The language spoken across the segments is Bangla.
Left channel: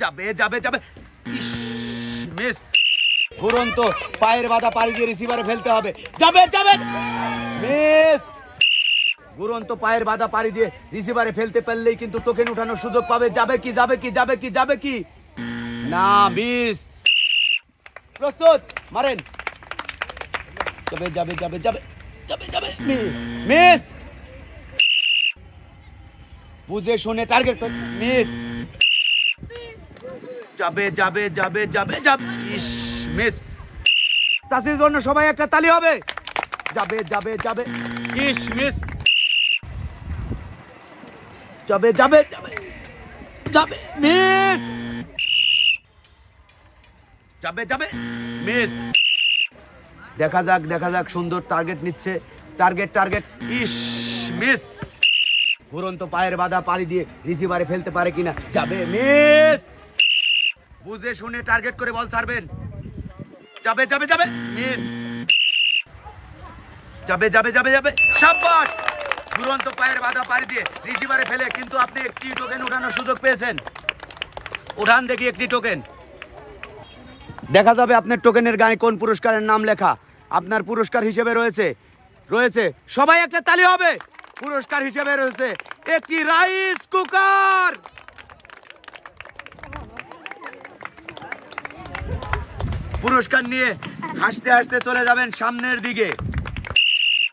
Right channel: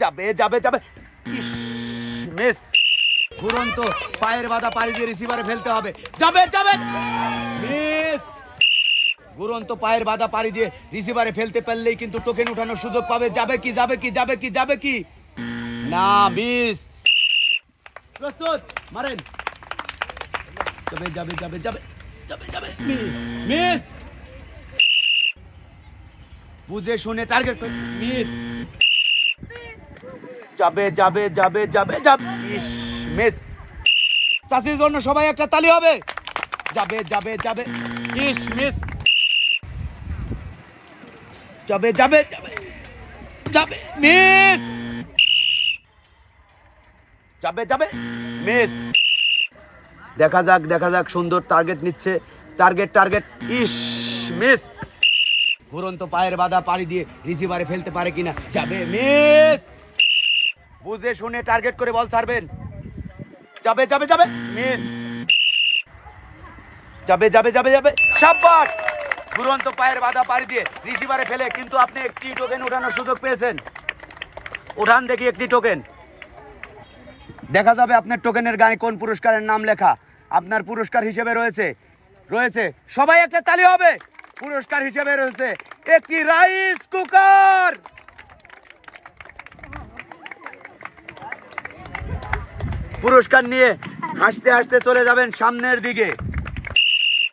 যাবে যাবে যাবে, মিস। ঘুরন্ত পায়ের বাধা পাড়ি দিয়ে রিসিভারে ফেলতে হবে। যাবে যাবে, মিস। ঘুরন্ত পায়ের বাধা পাড়ি দিয়ে রিসিভারে ফেলতে পারলেই কিন্তু টোকেন উঠানোর সুযোগ পাবে। যাবে কি যাবে কি যাবে কি যাবে কি না, মিস। প্রস্তুত, মারেন। যাবে যাবে যাবে যাবে যাবে যাবে, মিস। বুঝে শুনে টার্গেট, মিস। যাবে যাবে যাবে যাবে যাবে, মিস। চাষির জন্য সবাই একটা তালি হবে। যাবে যাবে যাবে, মিস মিস। যাবে যাবে যাবে যাবে, মিস। যাবে যাবে, মিস। দেখা যাক সুন্দর টার্গেট নিচ্ছে। Target target, miss. ঘুরন্ত পায়ের বাধা পাড়ি দিয়ে রিসিভারে ফেলতে পারে কিনা। যাবে, মিস। বুঝে শুনে টার্গেট করে বল ছাড়বেন। যাবে যাবে যাবে, মিস। যাবে যাবে যাবে যাবে, শাবাশ। ঘুরন্ত পায়ের বাধা পাড়ি দিয়ে রিসিভারে ফেলে কিন্তু আপনি একটি টোকেন উঠানোর সুযোগ পেয়েছেন। উঠান দেখি একটি টোকেন। দেখা যাবে আপনার টোকেনের গায়ে কোন পুরস্কারের নাম লেখা। আপনার পুরস্কার হিসেবে রয়েছে সবাই একটা তালি হবে। পুরস্কার হিসেবে রয়েছে একটি রাইস কুকার। পুরস্কার নিয়ে হাসতে হাসতে চলে যাবেন সামনের দিকে।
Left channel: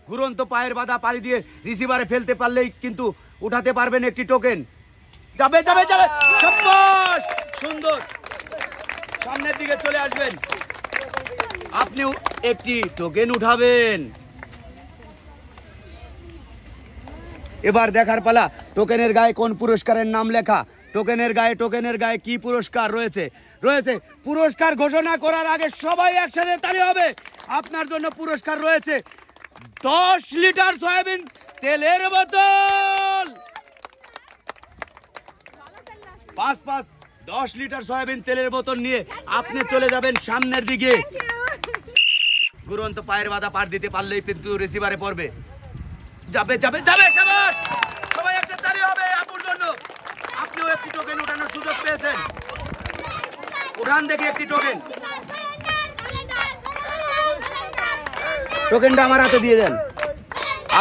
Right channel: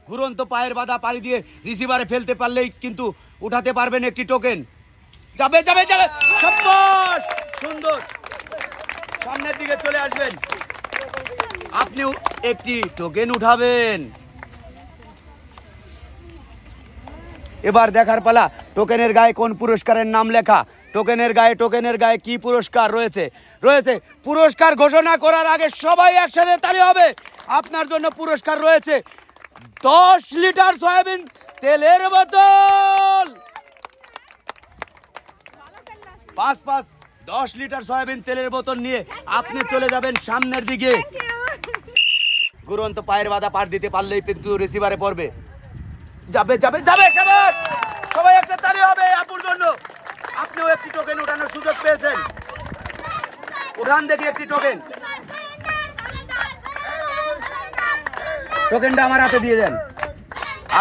ঘুরন্ত পায়ের বাধা পাড়ি দিয়ে রিসিভারে ফেলতে পারলেই কিন্তু উঠাতে পারবেন একটি টোকেন। যাবে যাবে যাবে, শাবাশ, সুন্দর। সামনের দিকে চলে আসবেন, আপনিও একটি টোকেন উঠাবেন। এবার দেখার পালা টোকেনের গায়ে কোন পুরস্কারের নাম লেখা। টোকেনের গায়ে কি পুরস্কার রয়েছে। পুরস্কার ঘোষণা করার আগে সবাই একসাথে তালি হবে। আপনার জন্য পুরস্কার রয়েছে 10 লিটার সয়াবিন তেলের বোতল। 10 লিটার সয়াবিন তেলের বোতল নিয়ে আপনি চলে যাবেন সামনের দিকে। ঘুরন্ত পায়ের বাধা পার দিতে পারলেই কিন্তু রিসিভারে পড়বে। যাবে যাবে যাবে, শাবাশ। সবাই একটা তালি হবে আপুর জন্য। আপনিও একটি টোকেন উঠানোর সুযোগ পেয়েছেন। উঠান দেখি একটি টোকেন। টোকেনটা আমার হাতে দিয়ে দেন।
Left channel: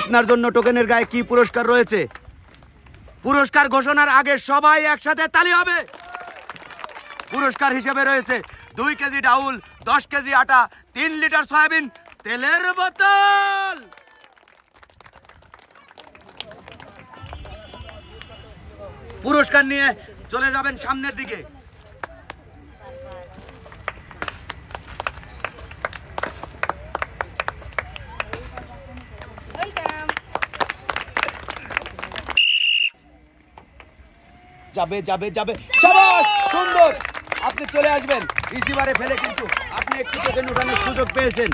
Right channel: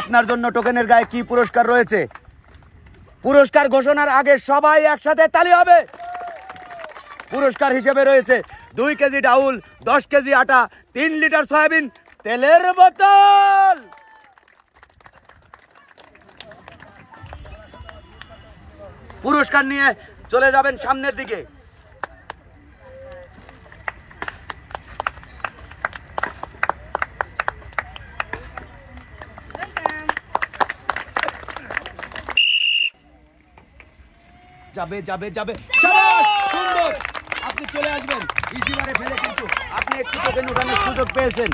আপনার জন্য টোকেনের গায়ে কি পুরস্কার রয়েছে। পুরস্কার ঘোষণার আগে সবাই একসাথে তালি হবে। পুরস্কার হিসেবে রয়েছে 2 কেজি ডাউল, 10 কেজি আটা, 3 লিটার সয়াবিন তেলের বোতল। পুরস্কার নিয়ে চলে যাবেন সামনের দিকে। যাবে যাবে যাবে, শাবাশ, সুন্দর। আপনি চলে আসবেন রিসিভারে ফেলে কিন্তু আপনি একটু টোকেন উঠানোর সুযোগ পেয়েছেন।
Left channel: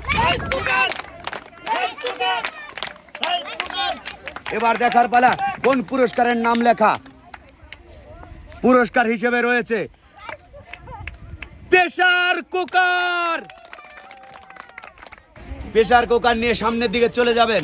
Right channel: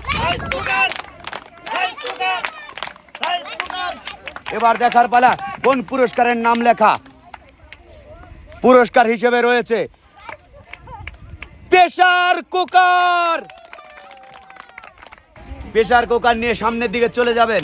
এবার দেখার পালা কোন পুরস্কারের নাম লেখা। পুরস্কার হিসেবে রয়েছে প্রেসার কুকার। প্রেসার কুকার নিয়ে সামনের দিকে চলে যাবেন।